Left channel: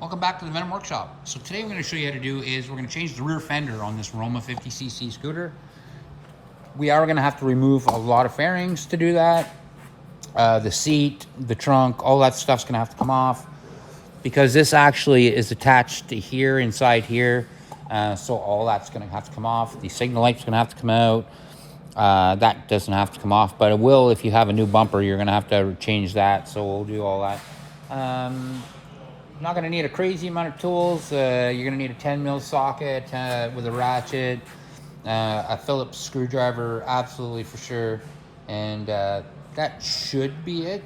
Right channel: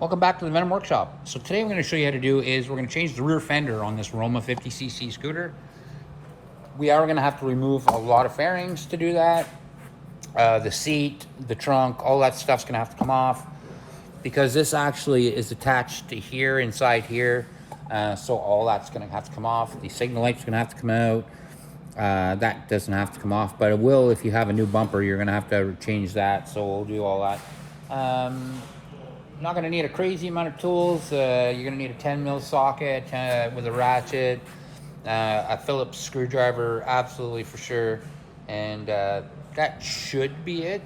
Welcome back to the Venom Workshop. So today I'm going to show you how to do is we're going to change the rear fender on this Roma 50cc scooter. We are going to have to remove a lot of fairings to do that. The seat, the trunk, all that stuff's going to have to come off because this actually is attached to here, inside here. So all that's going to have to come off. The signal light's going to have to come out. That doesn't have to come off, but it will if you have a new bumper. You're going to have to change that, so we'll do all that. Not going to need a crazy amount of tools. You're going to need a 10mm socket with a ratchet, a Phillips screwdriver, absolutely for sure, and that should be it.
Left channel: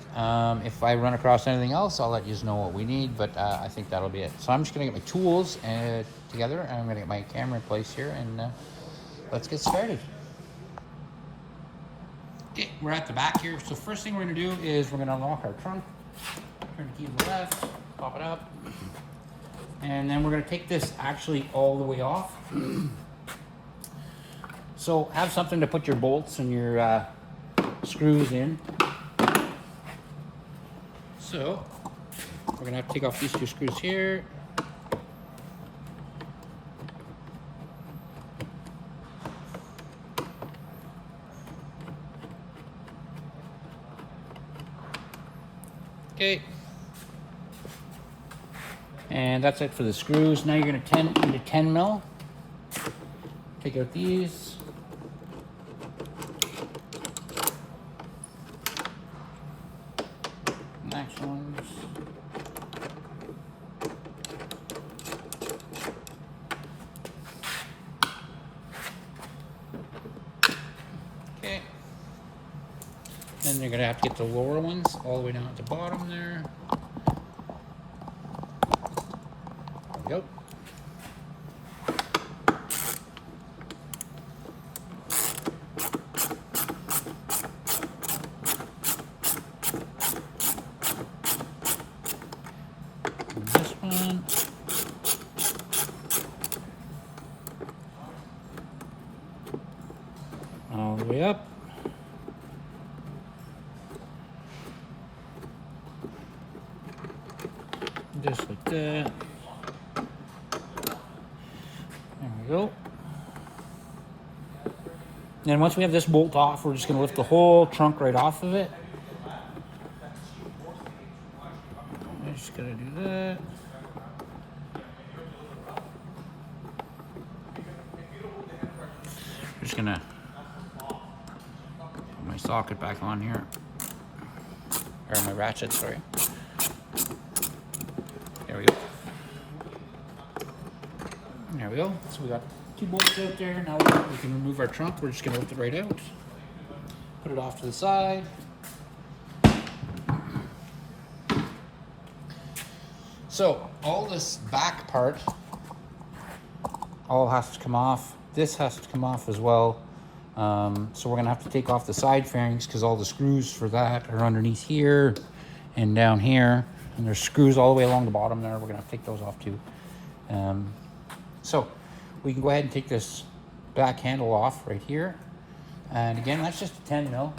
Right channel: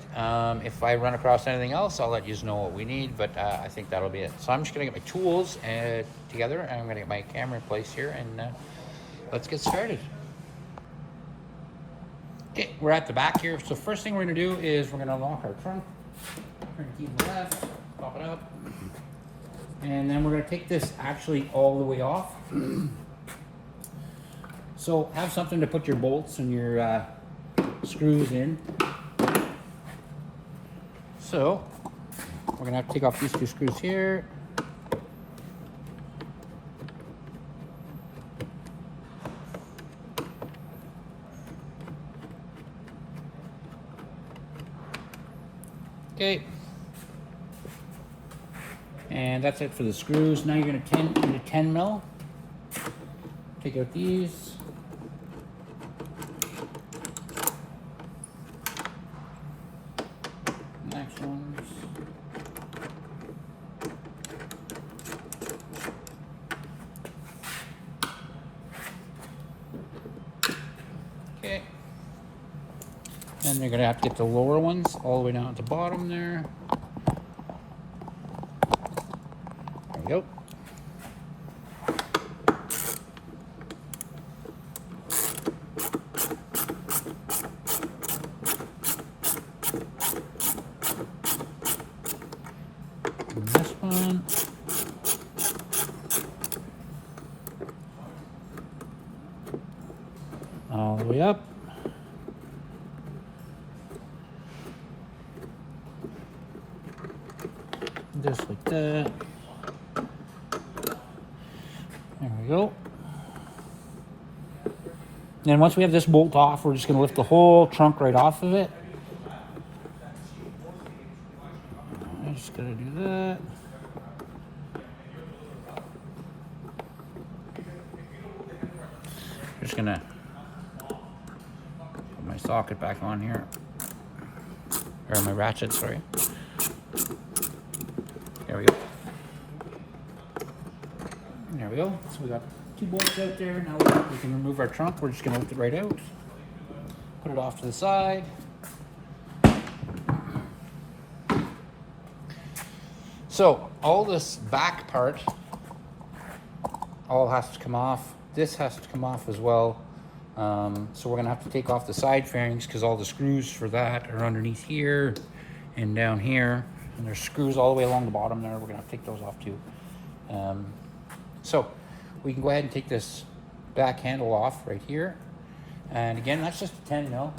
If I run across anything else, I'll let you know what we need, but I think that'll be it. So I'm just going to get my tools together, and I'm going to get my camera in place here, and let's get started. Okay, we're at the back here. So first thing we're going to do is we're going to unlock our trunk. Turn the key to the left, pop it up, and then we're going to take this actually all the way off. So have something to put your bolts and your screws in. So we're going to have to take off these two screws here. Okay. And that's it for the screws. Now you're going to need a 10mm. Take out these. Next ones. Okay. Then you're going to have to get the lower ones all the way down at the bottom there. Nope. And this one. All the way up. Just like that. There we go. And once we have this bolt off, we're just going to lift the whole trunk right off of it. I'm just going to do that. I'm just going to put my socket back on here. Or my ratchet, sorry. There we go. There we go. So we got two bolts out there. Now we can remove our trunk. We're just going to lift it right out. Put it off to the side. So all this back part all has to come off. This has to come off as well. So we're going to have to take off the side fairings because all the screws for that are underneath here and down here. And there's screws all the way along the bottom there. We're going to take those off too. So we can go ahead and take this back handle off right here. And again, that's just a 10mm.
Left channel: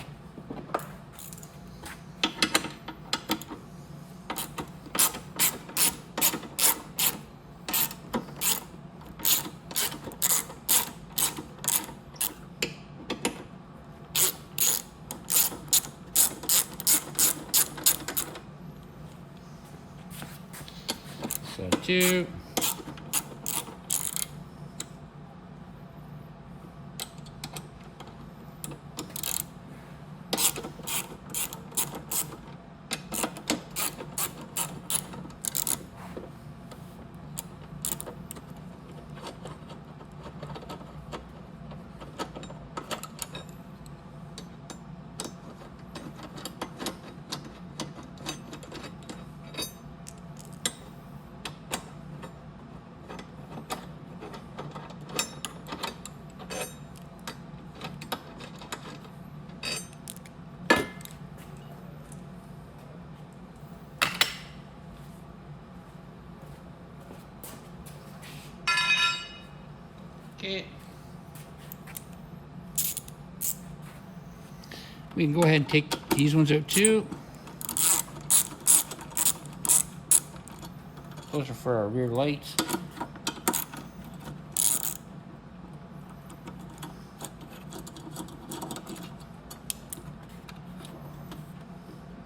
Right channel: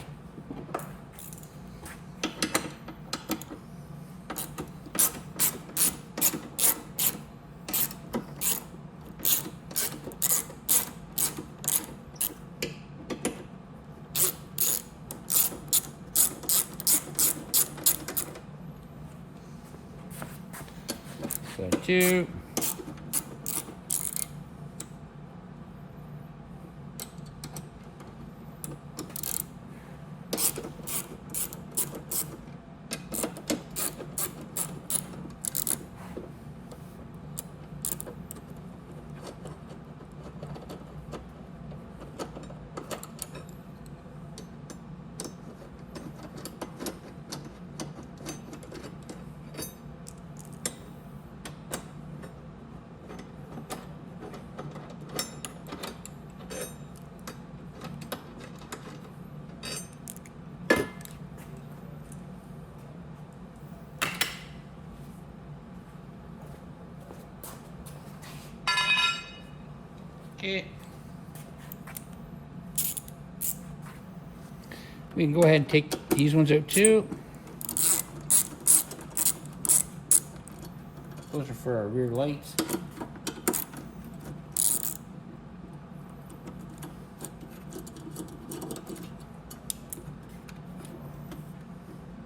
So two. Okay. We can go ahead and take these ones out too. Those are for our rear lights.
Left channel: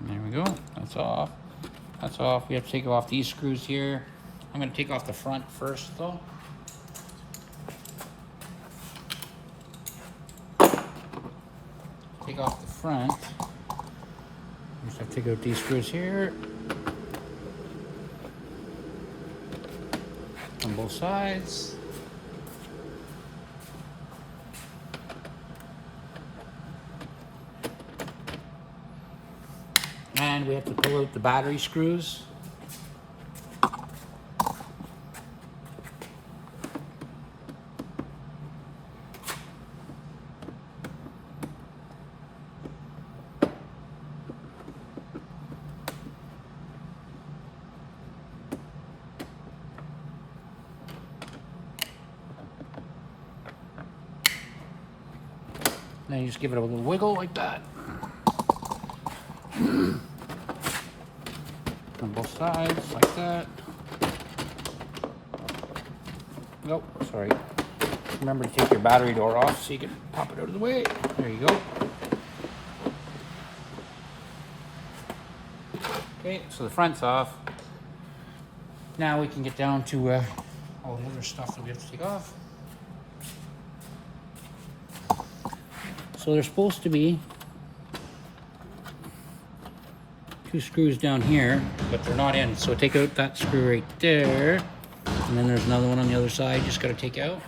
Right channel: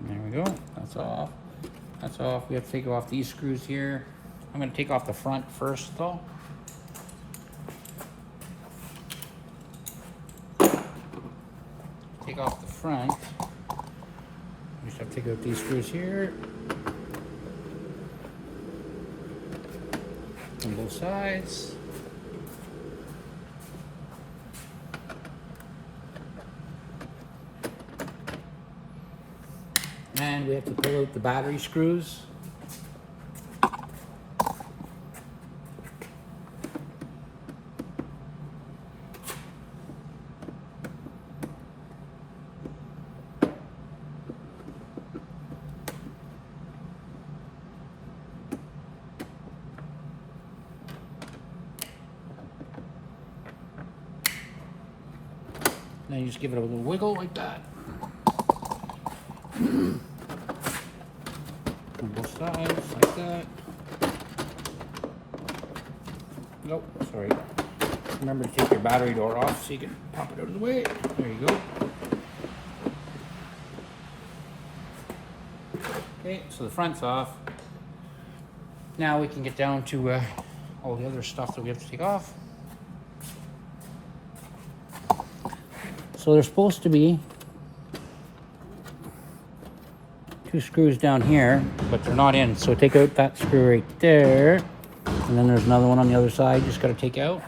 There we go. That's off. That's off. We have to take off these screws here. I'm going to take off the front first, though. Take off the front. Just have to take out these screws here on both sides. And we have to pull out the battery screws. Then you just give it a little wiggle like that. On both sides, like that. Nope, sorry. Remember to take your battery door off so you can pop it out of the way. There you go. Okay, so the front's off. Now we can get down to all the other stuff that we have to take off. So there's supposed to be 2 screws down here, but they're not in. So take out that screw right there. And then there's another one on the other side you just got to take out.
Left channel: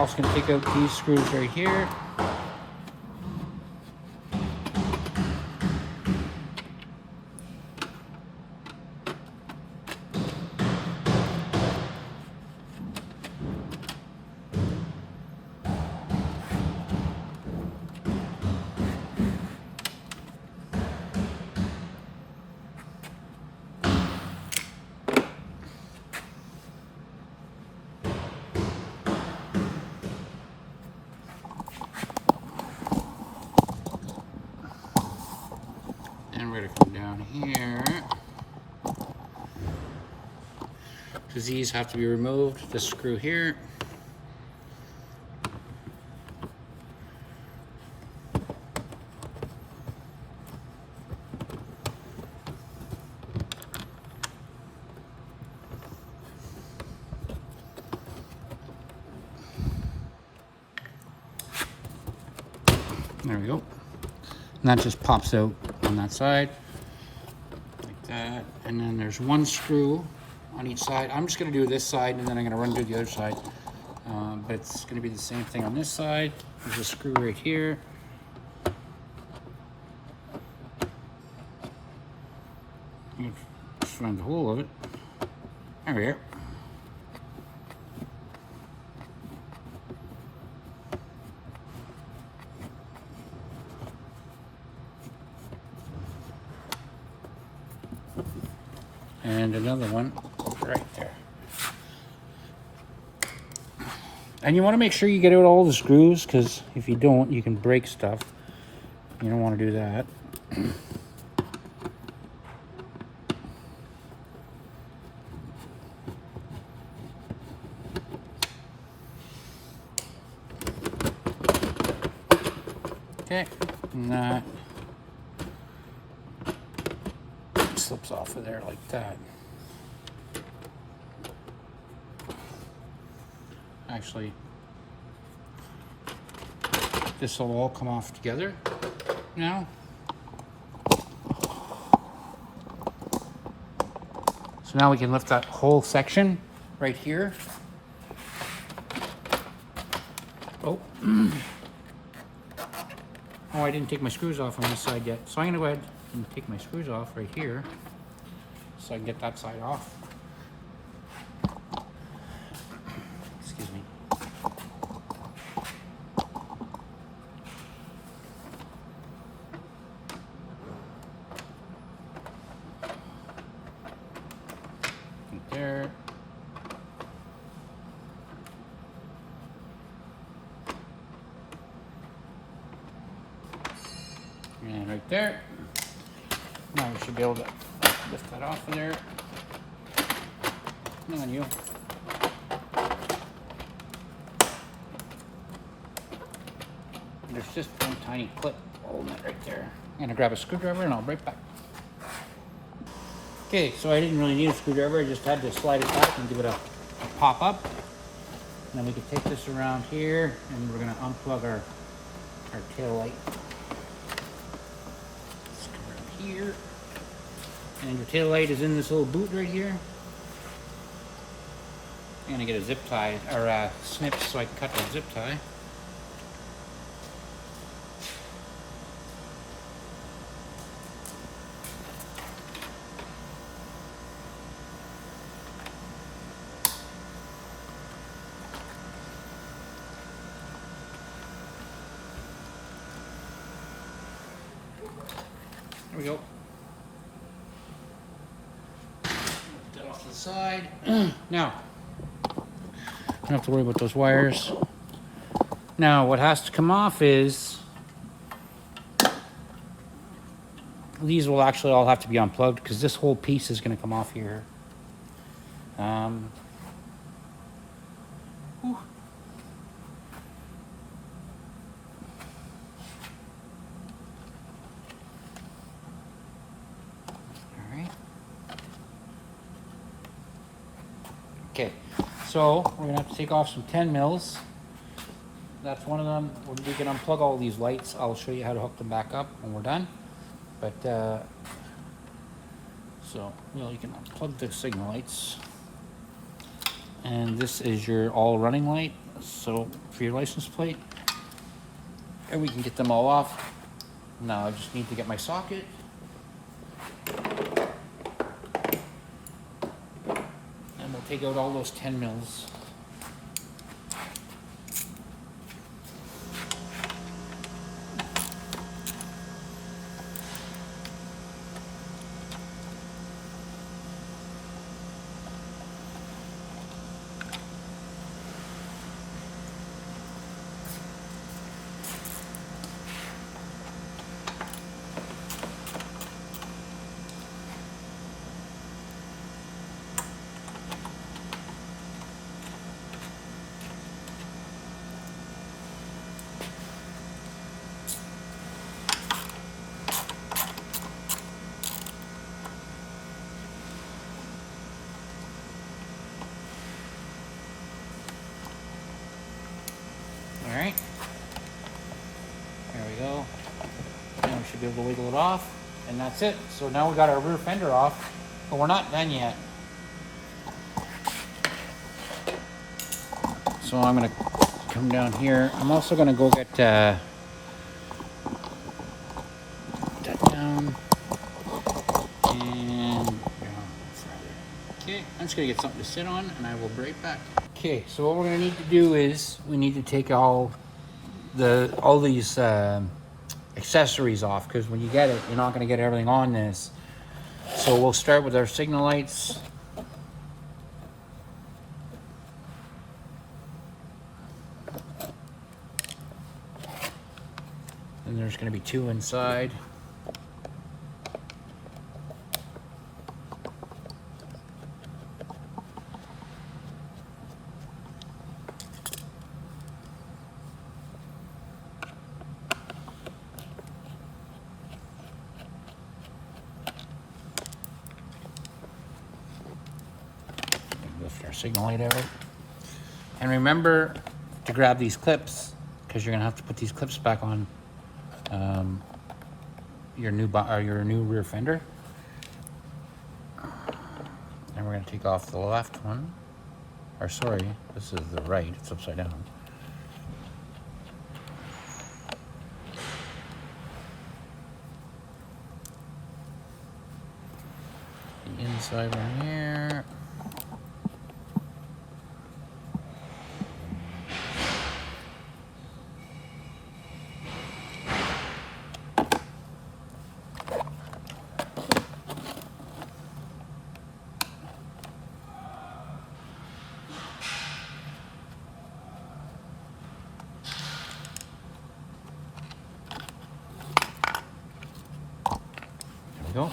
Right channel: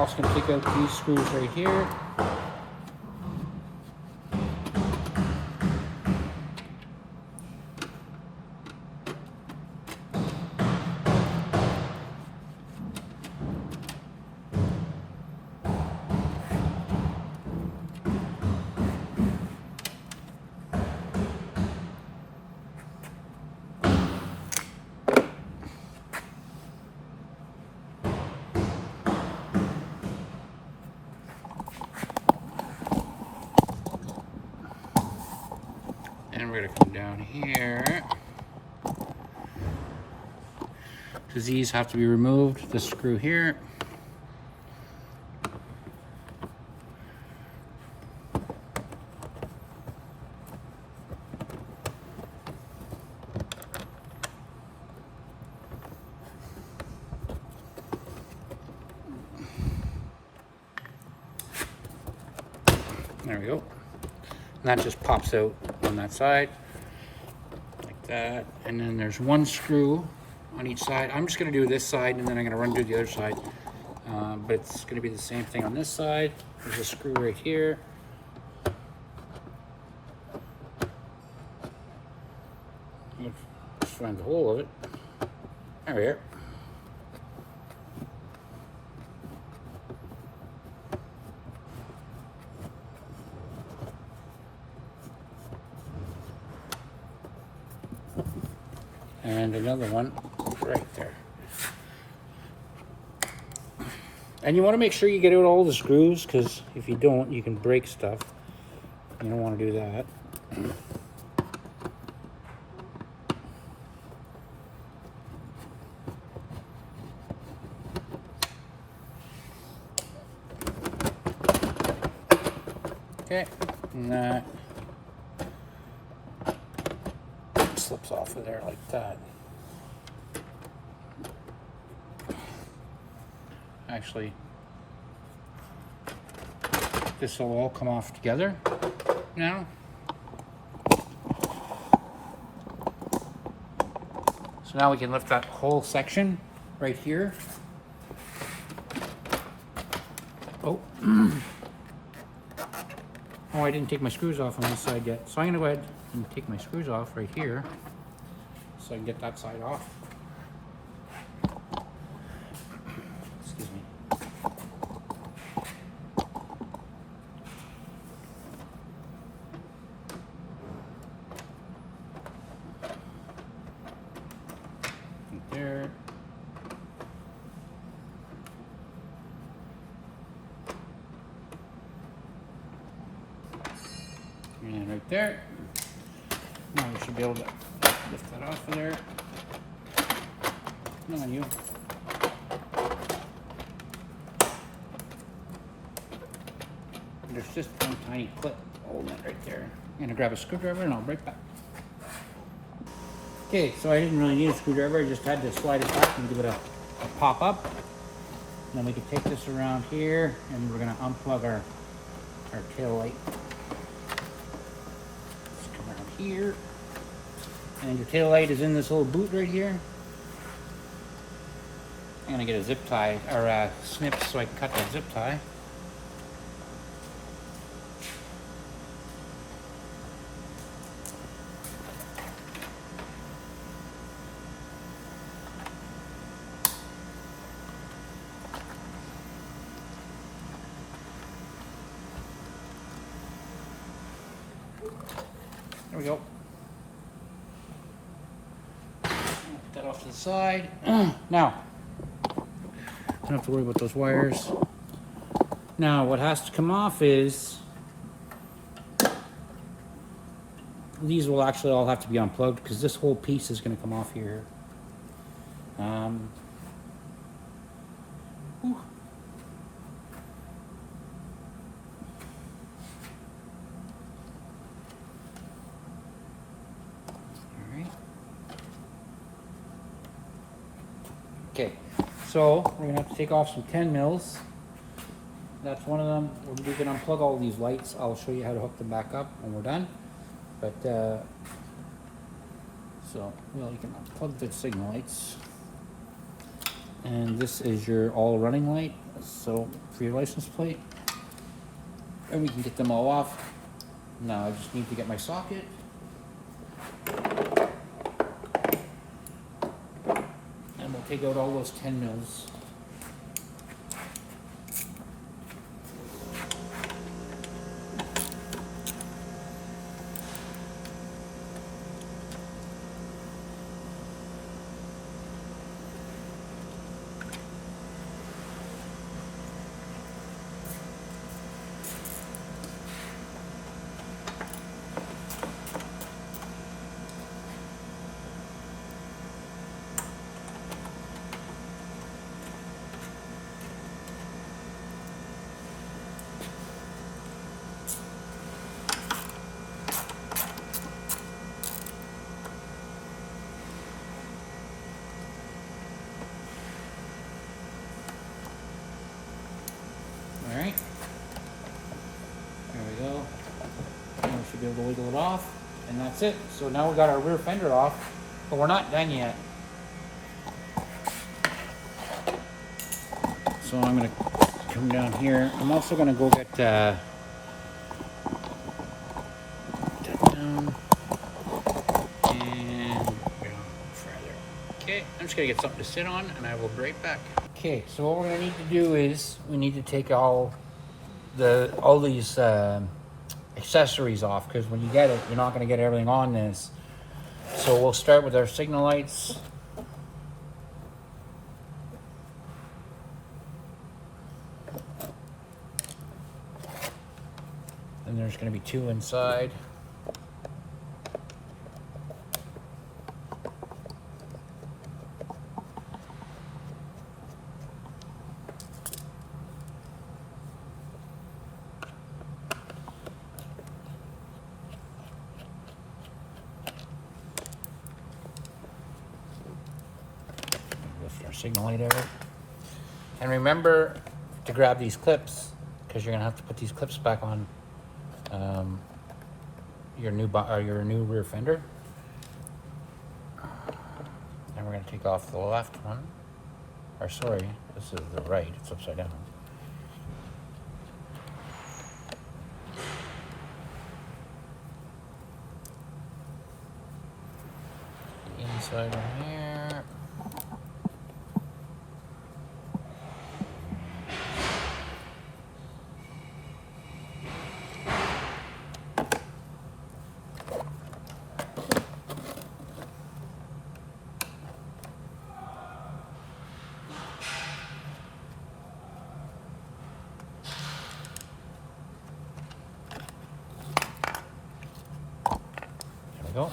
Also going to take out these screws right here. We're going to come down here because these have to be removed. This screw here. There we go. And that just pops out on that side like that, and then there's 1 screw on each side. I'm just going to do this side and then I'm going to run to the other side, but it's going to be the same thing on this side. There's a screw right here. You can find the hole of it. There we are. And another one right there. And you want to make sure you get out all the screws, because if you don't, you can break stuff. You don't want to do that. Okay, and that slips off of there like that. Actually, this will all come off together now. So now we can lift that whole section right here. Oh. Oh, I didn't take my screws off on this side yet. So I'm going to go ahead and take my screws off right here so I can get that side off. Excuse me. Right there. And right there. Now we should be able to lift that off of there. Come on, you. There's just one tiny clip holding it right there. I'm gonna grab a screwdriver and I'll be right back. Okay, so I didn't really need a screwdriver. I just had to slide it back and give it a pop up. And then we can take this around here and we're gonna unplug our tail light. Let's come around here. And your tail light is in this little boot right here. I'm gonna get a zip tie, or a snip so I can cut that zip tie. There we go. Put that off to the side. Now, don't have to worry about those wires. Now, what has to come off is these will actually all have to be unplugged because this whole piece is going to come off here. Okay, so we're gonna have to take off some 10 mils. That's one of them. We can unplug all these lights. I'll show you how to hook them back up when we're done. But so you can unplug the signal lights. And this is your all running light. So for your license plate, and we can get them all off. Now I just need to get my socket. Take out all those 10 mils. Alright, there we go. Now we should be able to wiggle it off, and that's it. So now we got our rear fender off, but we're not done yet. So I'm going to come down here. I'm also going to go get that down and further. Okay, I'm just going to get something to sit on, and I will be right back. Okay, so what we're going to need to do is we need to take all these accessories off, because when you get it, you're not going to get everything on this. So we'll start with our signal lights. And there's going to be 2 inside. Signal light out. And remember to grab these clips, because you're gonna have to put these clips back on your new rear fender. And we're gonna take off the left one, or sorry, this is the right, it's upside down. The inside one here. Go.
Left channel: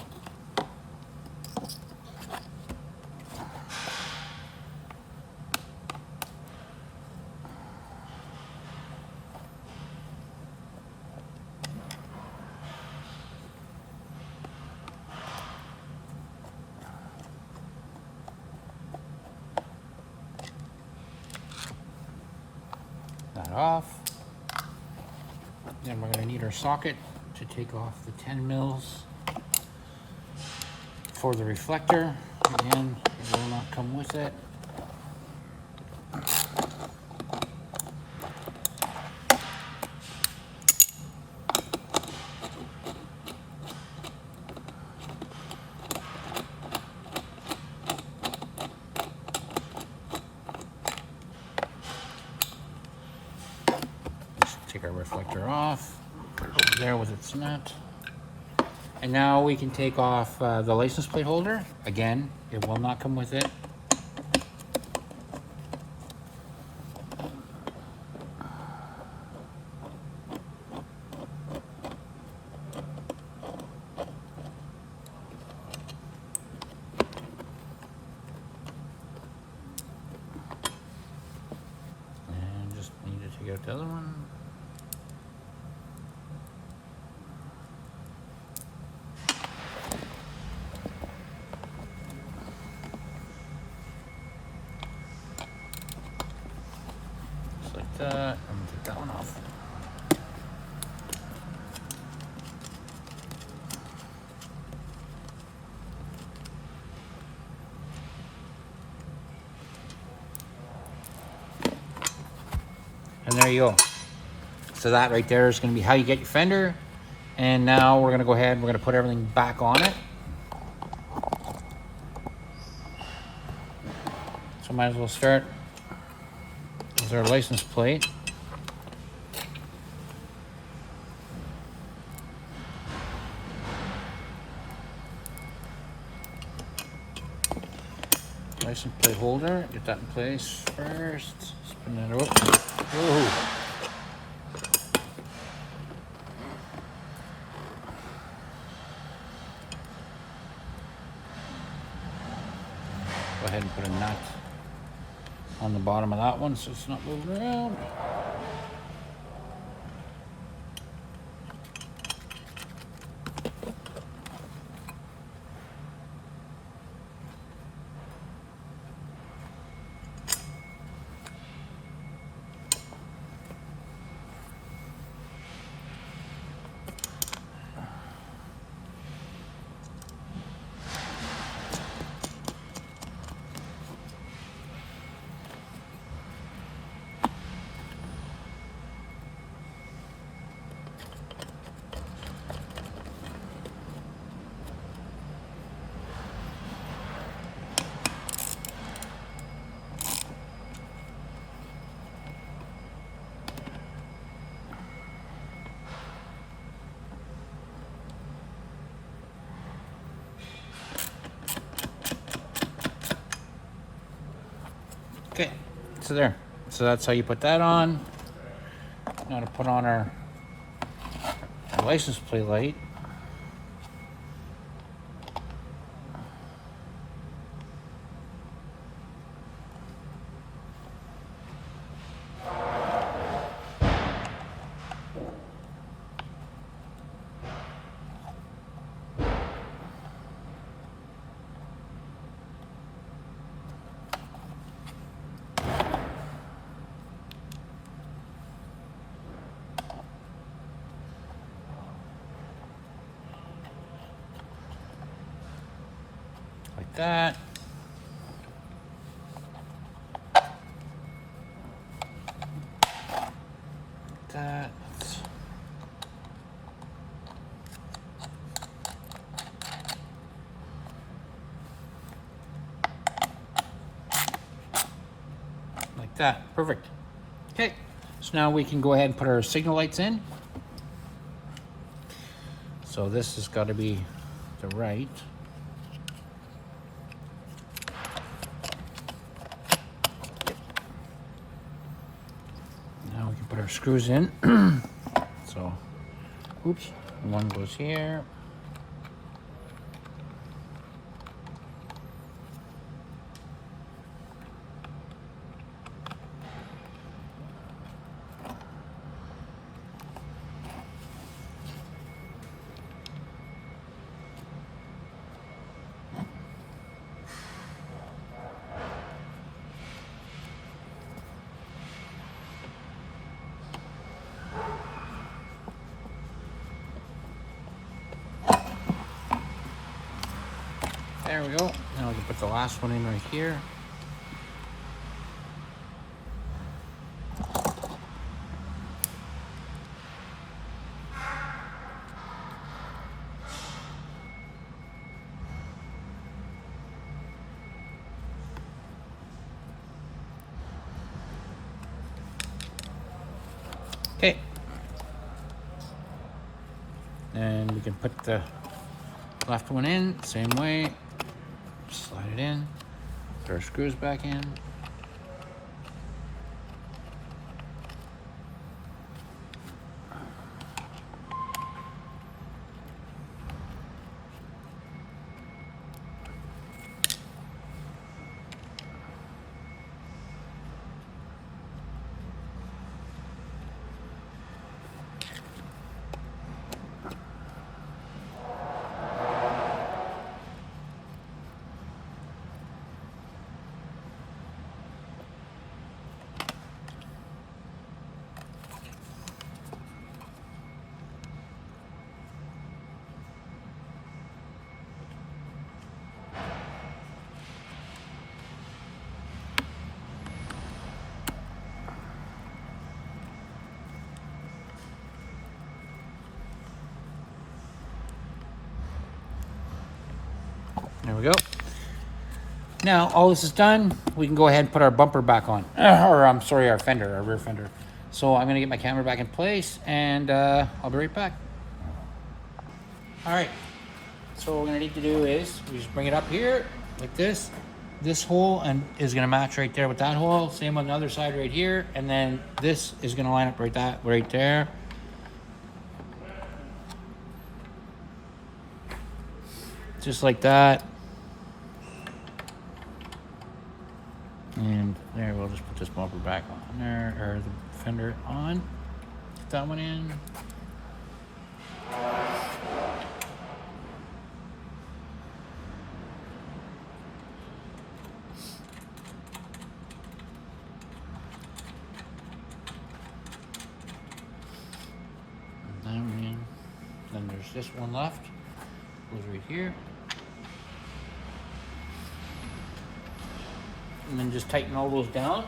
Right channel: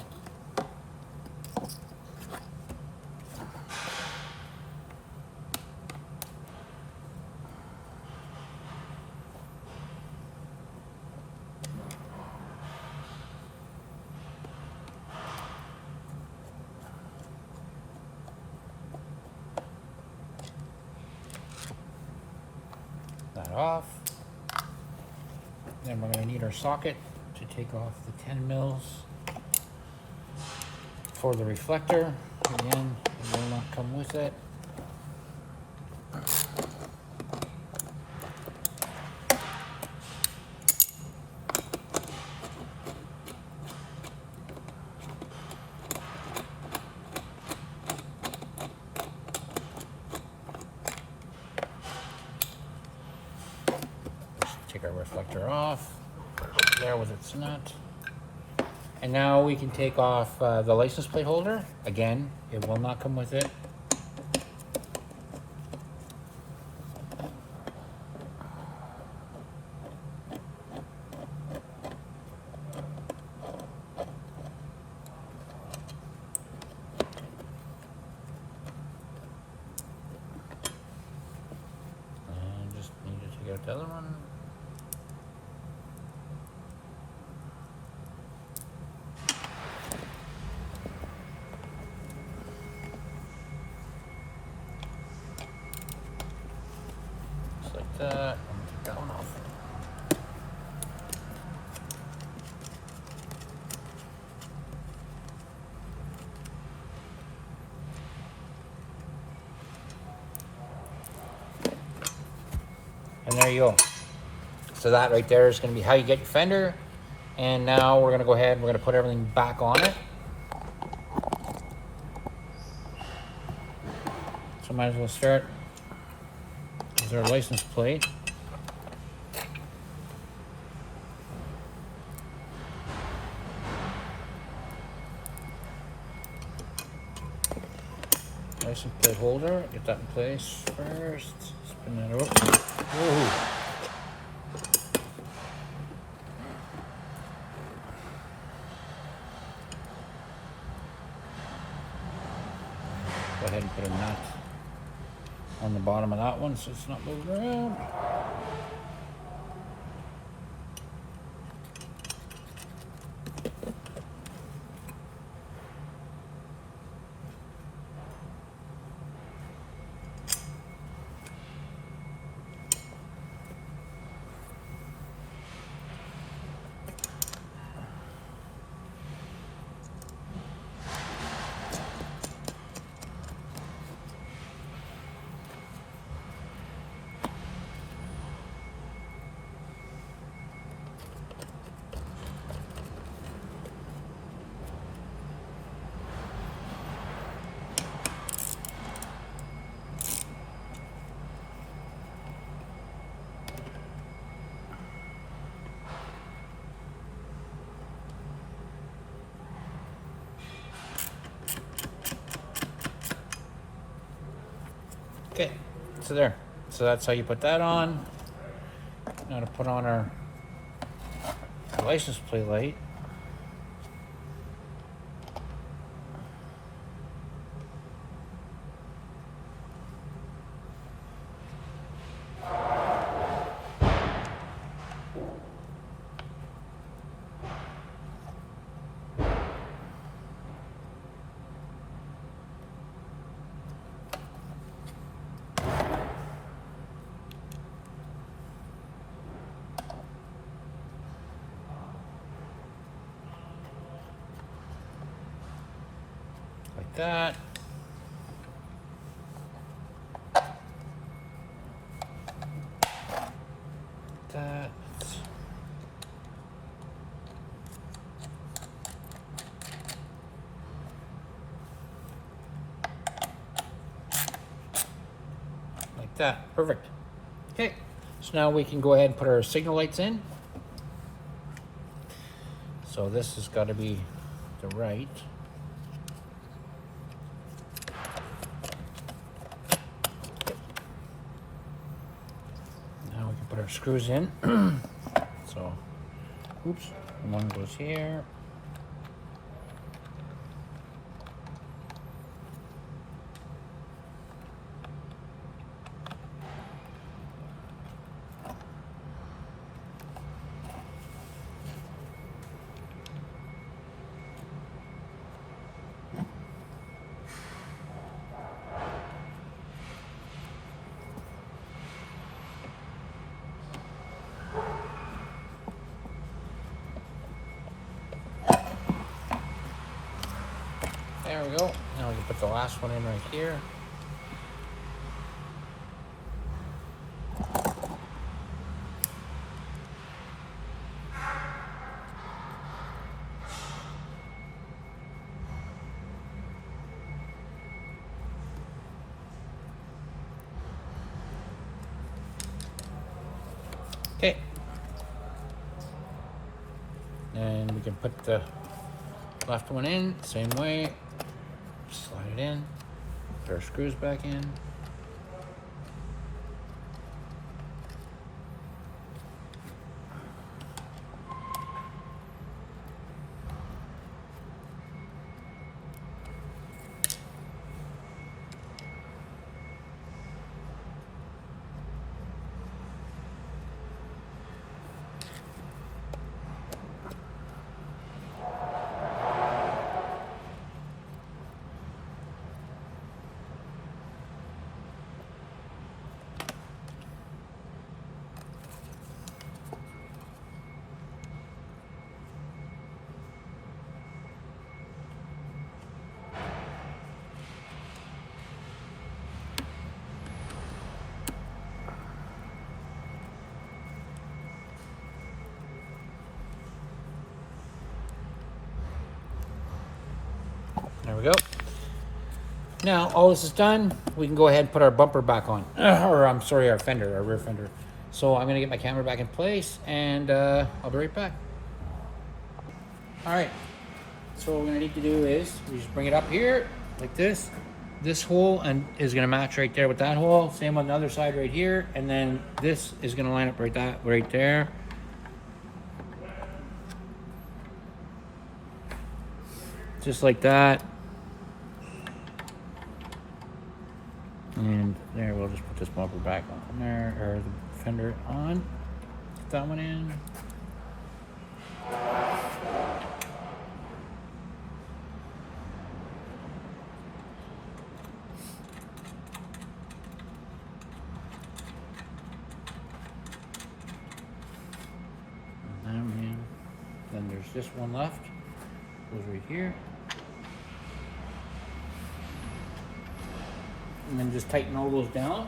off. Then we're going to need our socket to take off the 10 mils for the reflector. Again, it will not come with it. Take our reflector off, there with its nut. And now we can take off the license plate holder. Again, it will not come with it. And just need to take out the other one. And there you go. So that right there is going to be how you get your fender. And now we're going to go ahead and we're going to put everything back on it. So might as well start with our license plate. License plate holder, get that in place first. Spin that over. Whoa. Go ahead and put a nut on the bottom of that one so it's not moving around. Okay, so there. So that's how you put that on. Now to put on our license plate light. Like that. That. Like that. Perfect. Okay. So now we can go ahead and put our signal lights in. So this has got to be the right. Now we can put our screws in. So, oops, one goes here. we can put the last one in right here. Okay. And we can put the left one in, same way. Slide it in. Put our screws back in. There we go. Now, all this is done, we can go ahead and put our bumper back on. Or, I'm sorry, our fender, our rear fender. So I'm gonna get my camera back in place and I'll be right back. All right, so what we're gonna need to do is, we just bring it up here like this. This hole and is gonna match right there with that hole. Same on the other side right here. And then this is gonna line up right there. Just like that. And there, we'll just put this bumper back on there, or the fender on. Put that one in. And then there's this one left. Goes right here. And then just tighten all those down.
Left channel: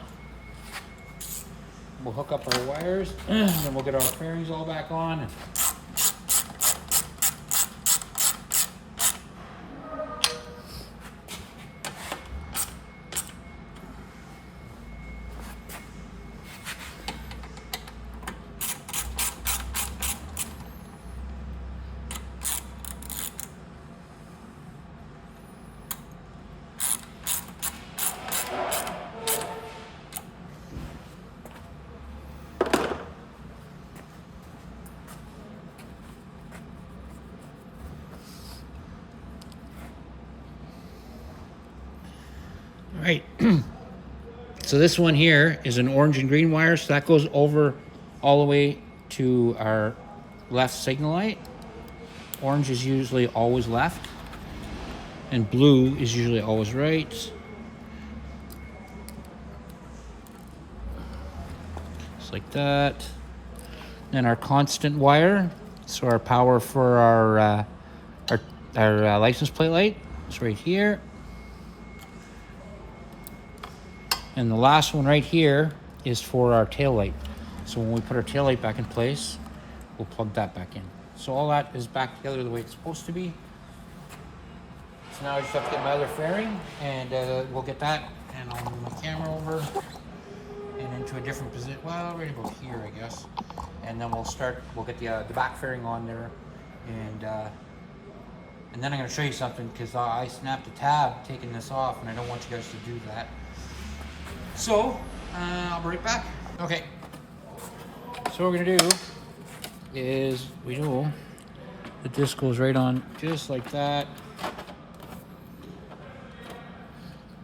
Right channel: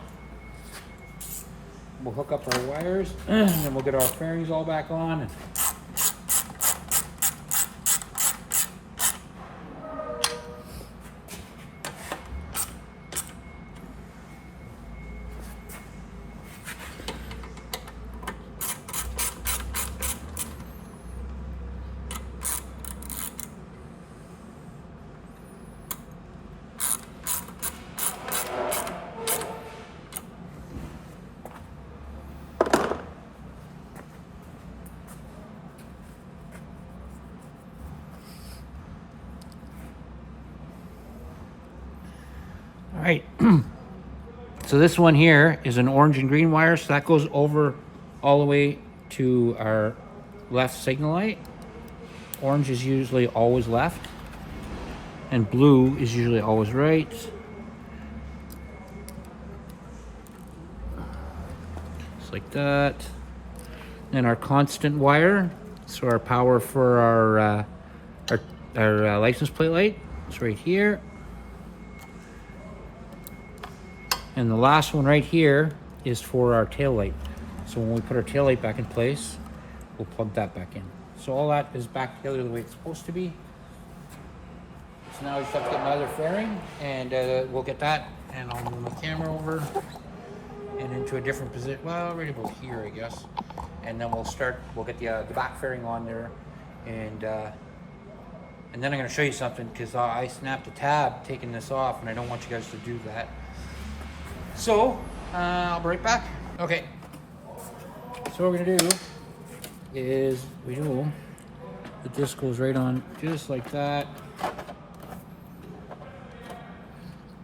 We'll hook up our wires and then we'll get our fairings all back on. All right, so this one here is an orange and green wire, so that goes over all the way to our left signal light. Orange is usually always left, and blue is usually always right. Just like that. Then our constant wire, so our power for our license plate light is right here. And the last one right here is for our tail light. So when we put our tail light back in place, we'll plug that back in. So all that is back together the way it's supposed to be. So now I just have to get my other fairing, and we'll get that, and I'll move my camera over and into a different position. Well, right about here, I guess. And then we'll get the back fairing on there, and then I'm gonna show you something, because I snapped the tab taking this off, and I don't want you guys to do that. So, I'll be right back. Okay, so what we're gonna do is, we know the disc goes right on just like that.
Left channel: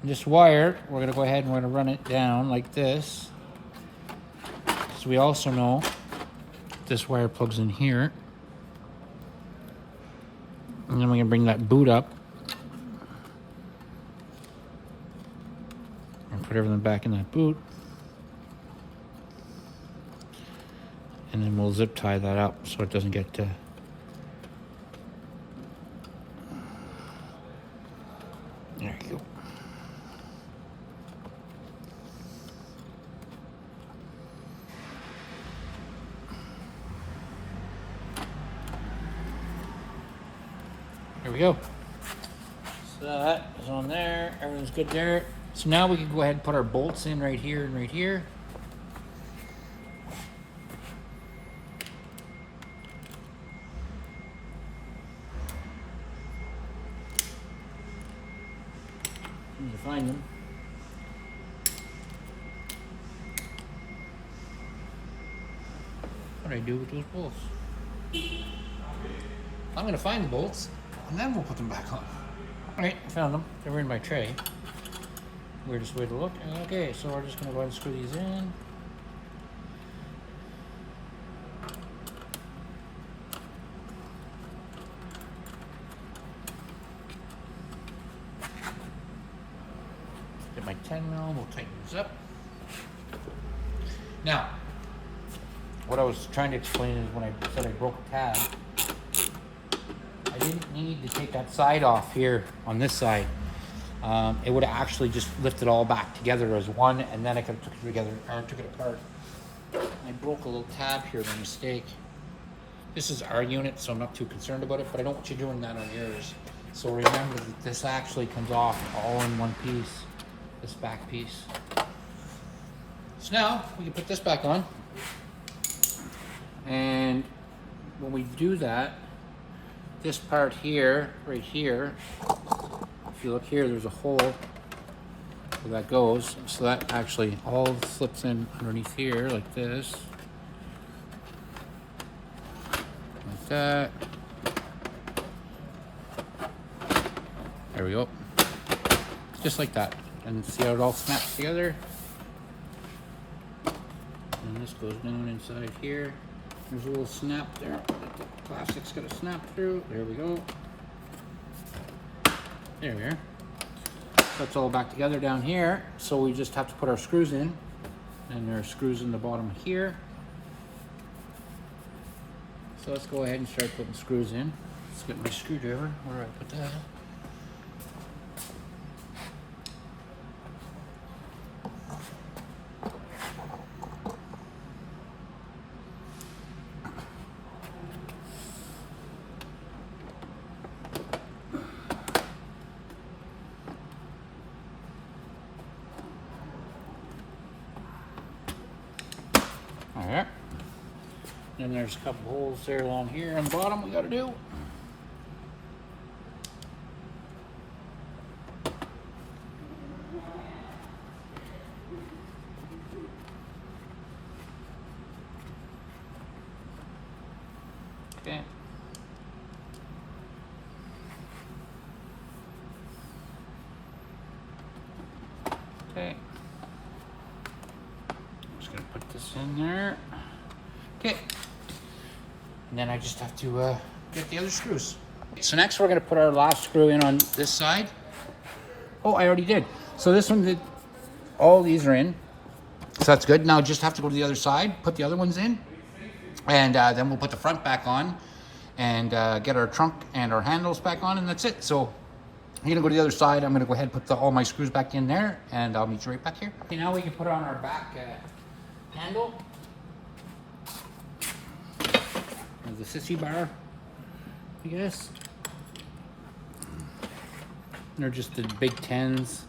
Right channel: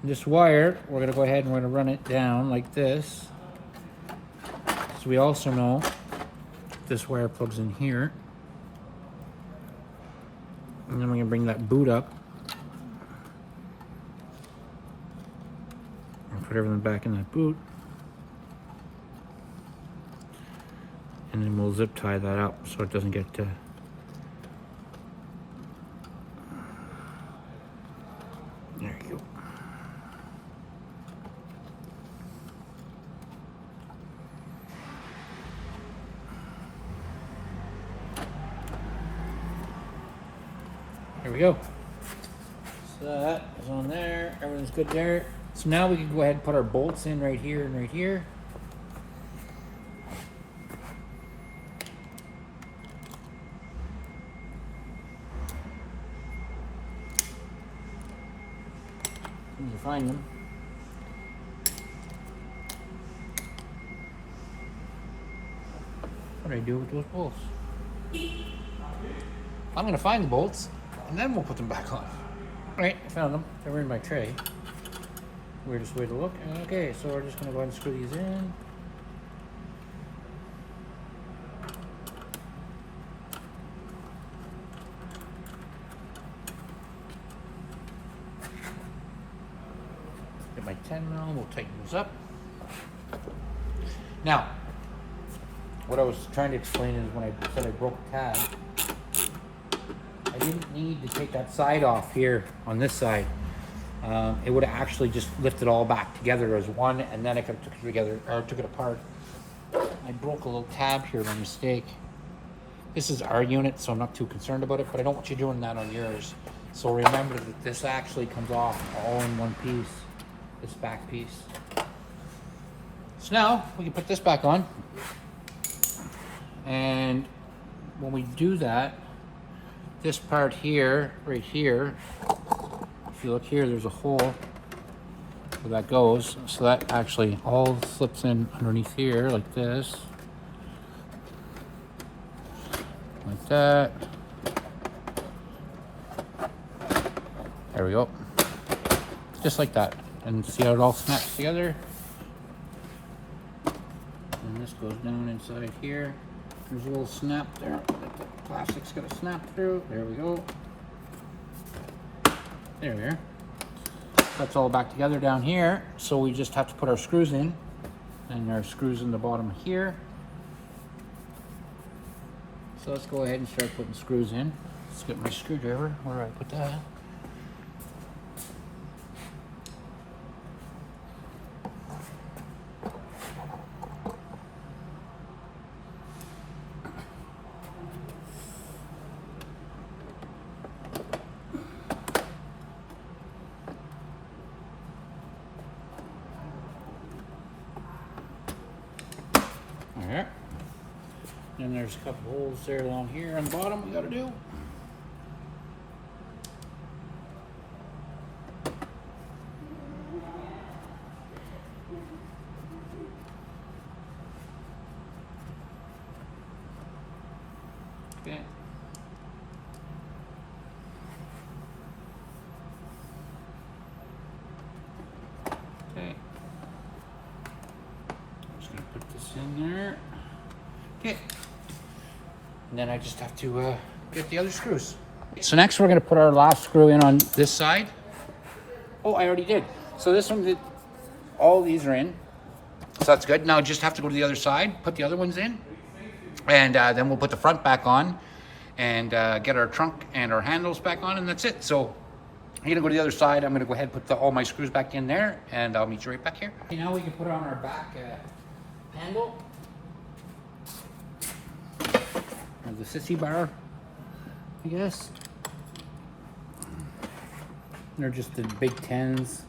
This wire, we're gonna go ahead and we're gonna run it down like this. So we also know this wire plugs in here. And then we're gonna bring that boot up. Put everything back in that boot, and then we'll zip tie that up so it doesn't get there you go. we go. So that is on there. Everything's good there. So now we can go ahead and put our bolts in right here and right here. Need to find them. What do I do with those bolts? I'm gonna find the bolts and then we'll put them back on. All right, I found them. They're in my tray. Weirdest way to look. Okay, so we're just gonna go ahead and screw these in. Get my 10mm, we'll tighten this up. Now, what I was trying to explain is when I said I broke a tab, I didn't need to take that side off here on this side. It would have actually just lifted all back together as one, and then I could have took it together, or took it apart. I broke a little tab here by mistake. This is our unit, so I'm not too concerned about it, but I don't want you doing that on yours. So remember that this actually comes off all in one piece, this back piece. So now we can put this back on. And when we do that, this part here, right here, if you look here, there's a hole where that goes. So that actually all slips in underneath here like this. Like that. There we go. Just like that. And see how it all snaps together? And this goes down inside here. There's a little snap there. The plastic's gonna snap through. There we go. There we are. That's all back together down here. So we just have to put our screws in. And there are screws in the bottom here. So let's go ahead and start putting screws in. Let's get my screwdriver. Where do I put that? Alright. Then there's a couple holes there along here on the bottom we gotta do. Okay. Okay. I'm just gonna put this in there. Okay. And then I just have to get the other screws. So next we're gonna put our last screw in on this side. Oh, I already did. So this one did, all these are in. So that's good. Now I just have to go to the other side, put the other ones in. And then we'll put the front back on and get our trunk and our handles back on, and that's it. So I'm gonna go to the other side. I'm gonna go ahead and put all my screws back in there, and I'll meet you right back here. Okay, now we can put on our back handle. The sissy bar, I guess. They're just the big 10s.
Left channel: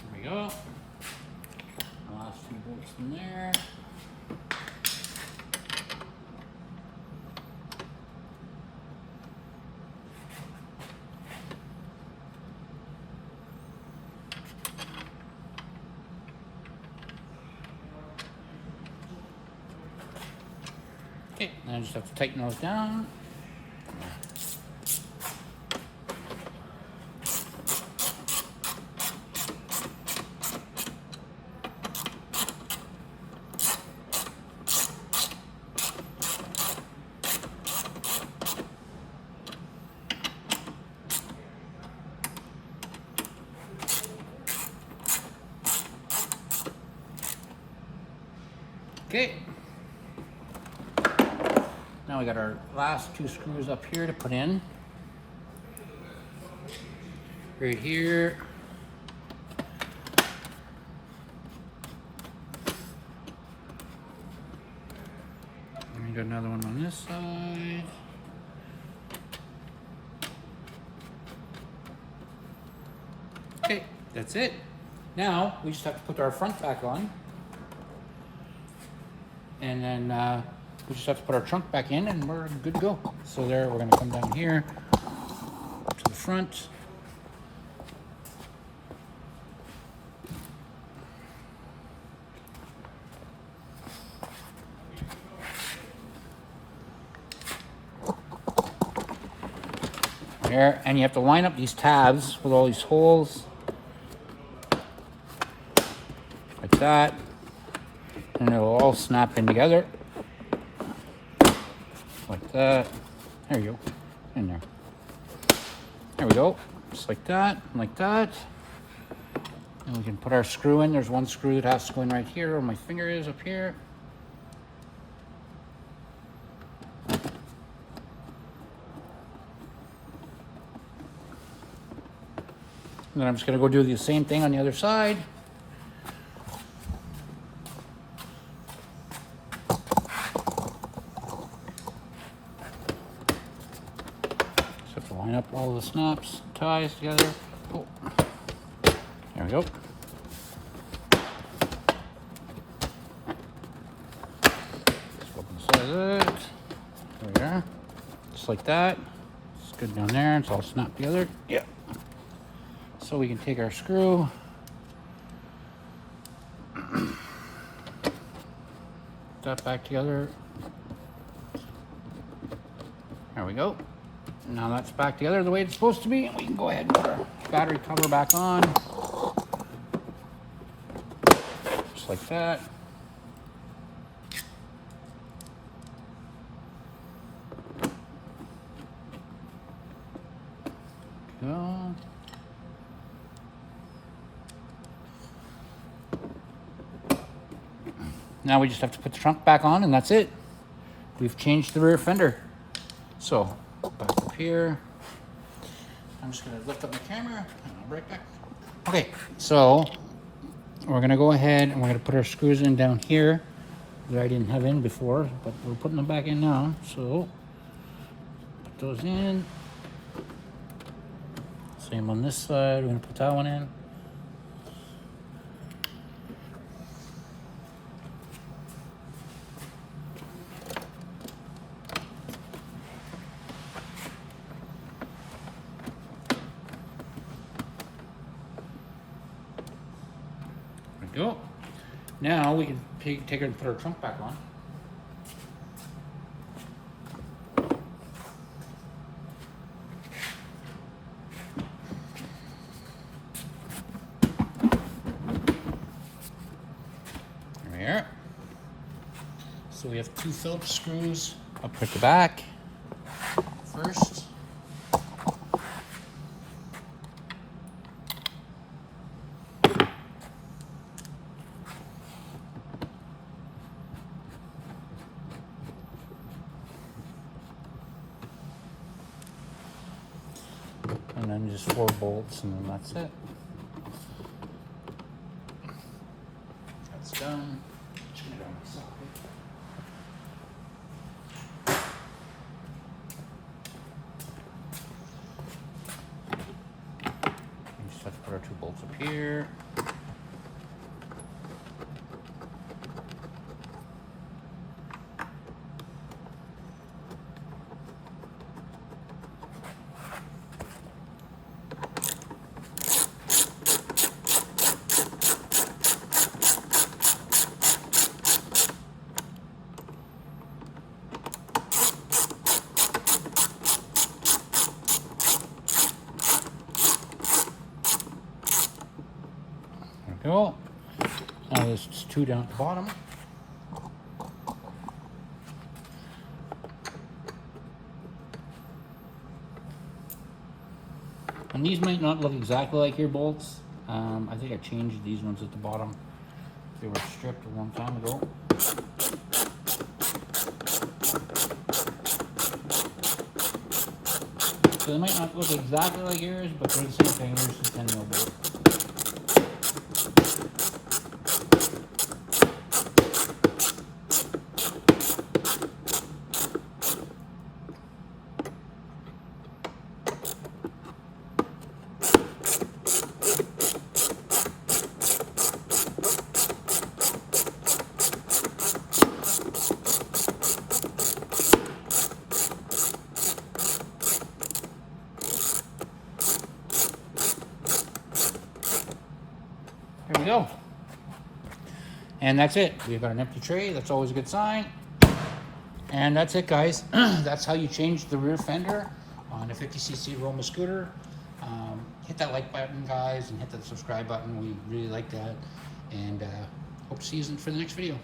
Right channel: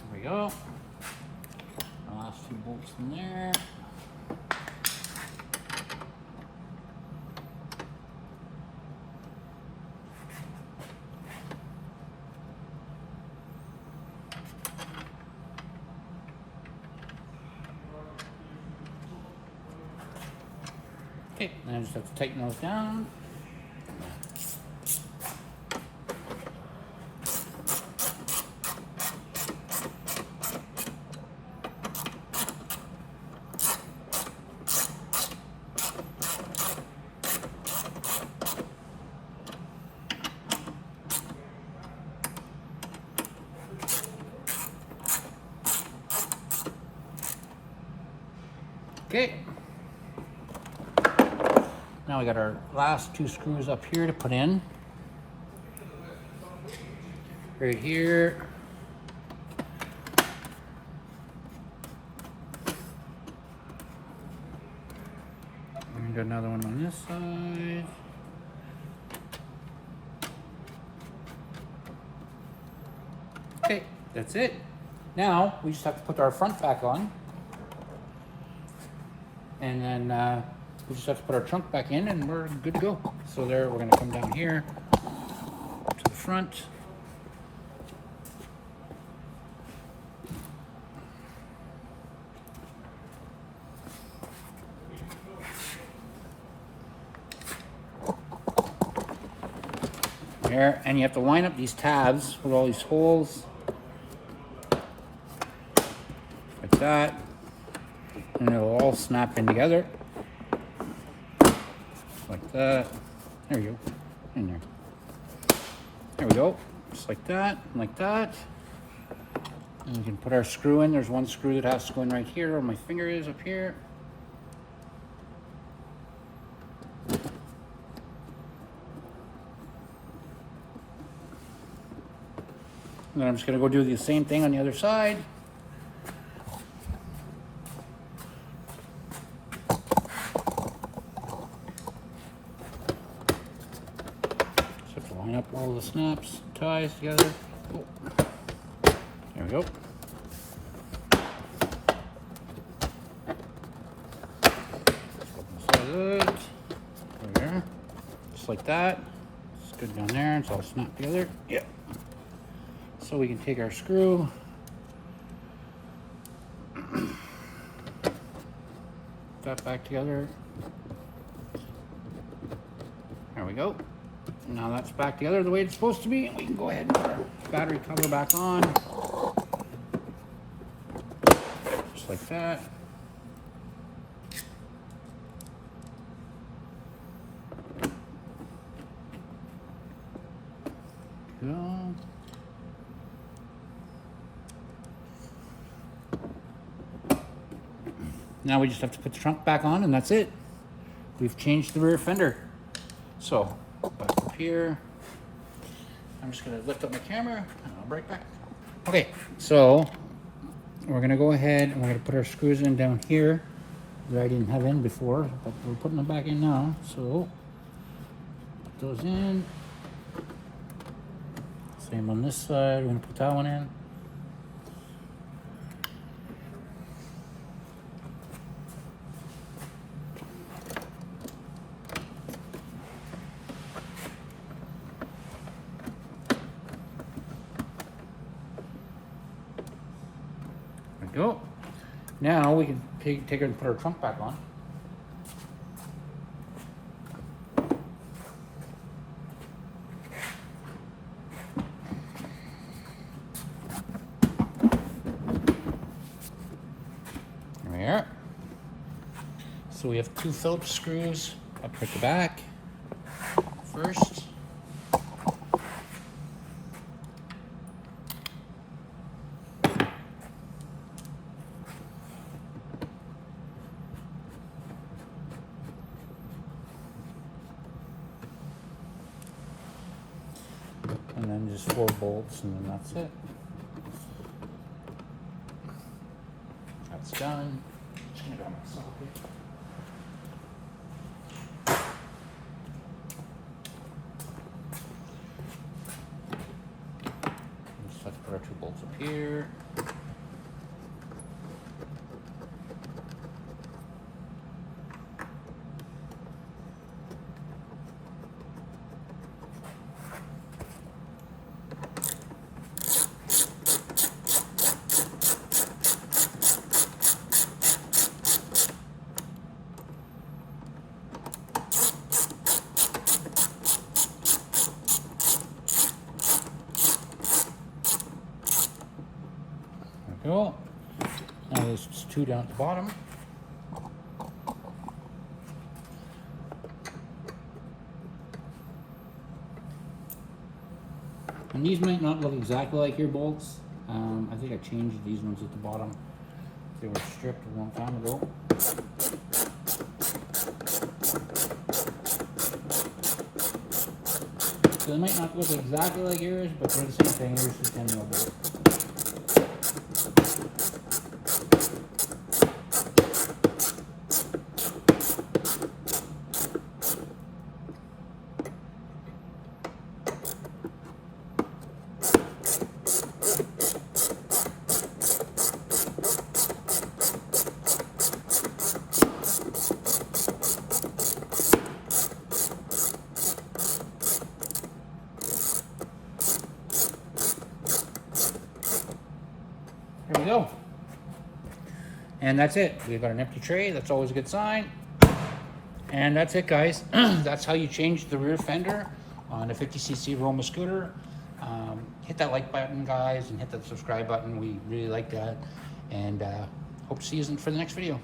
There we go. Last two bolts in there. Okay, now I just have to tighten those down. Okay. Now we got our last 2 screws up here to put in. Right here. And we got another one on this side. Okay, that's it. Now we just have to put our front back on. And then we just have to put our trunk back in and we're good to go. So there, we're gonna come down here to the front. There, and you have to line up these tabs with all these holes. Like that. And it'll all snap in together. Like that. There you go. In there. There we go. Just like that. Like that. And we can put our screw in. There's one screw that has to go in right here where my finger is up here. And then I'm just going to go do the same thing on the other side. Just have to line up all the snaps, ties together. Oh. There we go. There we are. Just like that. It's good down there. It's all snapped together. Yeah. So we can take our screw, that back together. There we go. Now that's back together the way it's supposed to be. We can go ahead and put our battery cover back on. Just like that. Go. Now we just have to put the trunk back on and that's it. We've changed the rear fender. So, back up here. I'm just gonna lift up my camera and I'll be right back. Okay, so we're gonna go ahead and we're gonna put our screws in down here that I didn't have in before, but we're putting them back in now. So, put those in. Same on this side, we're gonna put that one in. Go. Now we can take it and put our trunk back on. There we are. So we have 2 Phillips screws up at the back. First. And then just 4 bolts and then that's it. That's done. Just gonna grab my socket. We just have to put our 2 bolts up here. Go. Now there's just 2 down at the bottom. And these might not look exactly like your bolts. I think I changed these ones at the bottom. They were stripped a long time ago. So they might not look exactly like yours, but they're the same thing. Yours is 10 mil bolt. There we go. And that's it. We've got an empty tray. That's always a good sign. And that's it, guys. That's how you change the rear fender on a 50cc Roma scooter. Hit that like button, guys, and hit that subscribe button. We really like that. And hope to see you for the next video.